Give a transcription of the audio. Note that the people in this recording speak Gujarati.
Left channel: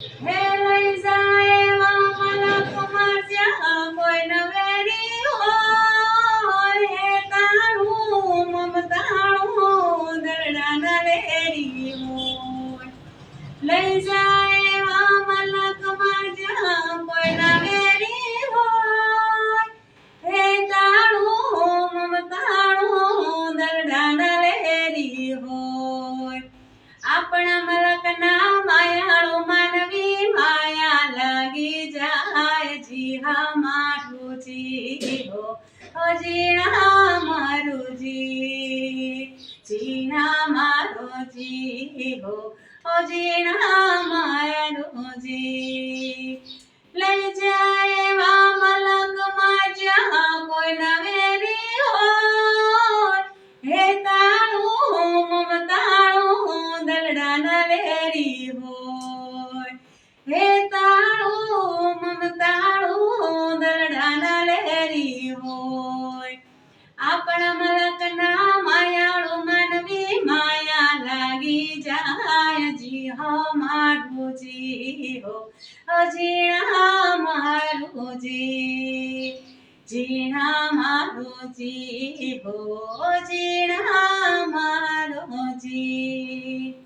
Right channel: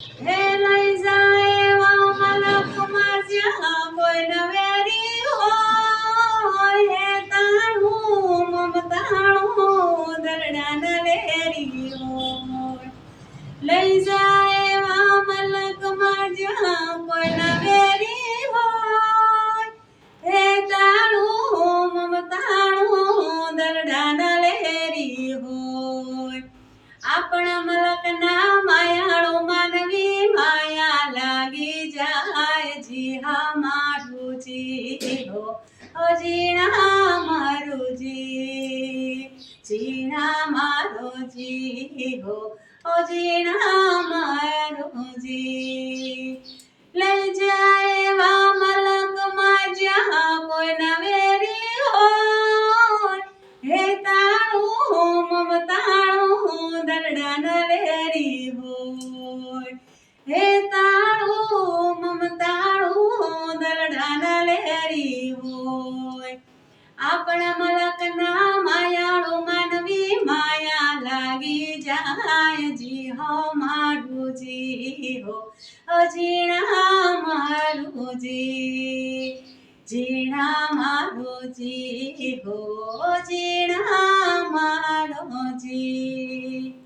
હે લઈ જાય એવા મલકમાં જ્યાં કોઈ નવેરી હોય, હે તાણું મમતાણું દરડા નવેરી હોય. લઈ જાય એવા મલકમાં જ્યાં કોઈ નવેરી હોય, હે તાણું મમતાણું દરડા નવેરી હોય. આપણા મલકના માયાળો માનવી માયા લાગી જાય. જી હા મારું જી હો, જીણા મારું જીણા મારો જી હો, જીણા મારો જી. લઈ જાય એવા મલકમાં જ્યાં કોઈ નવેરી હોય, હે તાણું મમતાણું દરડા નવેરી હોય, હે તાણું મમતાણું દરડા નવેરી હોય. આપણા મલકના માયાળો માનવી માયા લાગી જાય. જી હો મારું જી હો, જીણા મારું જીણા મારું જી હો, જીણા મારો જી.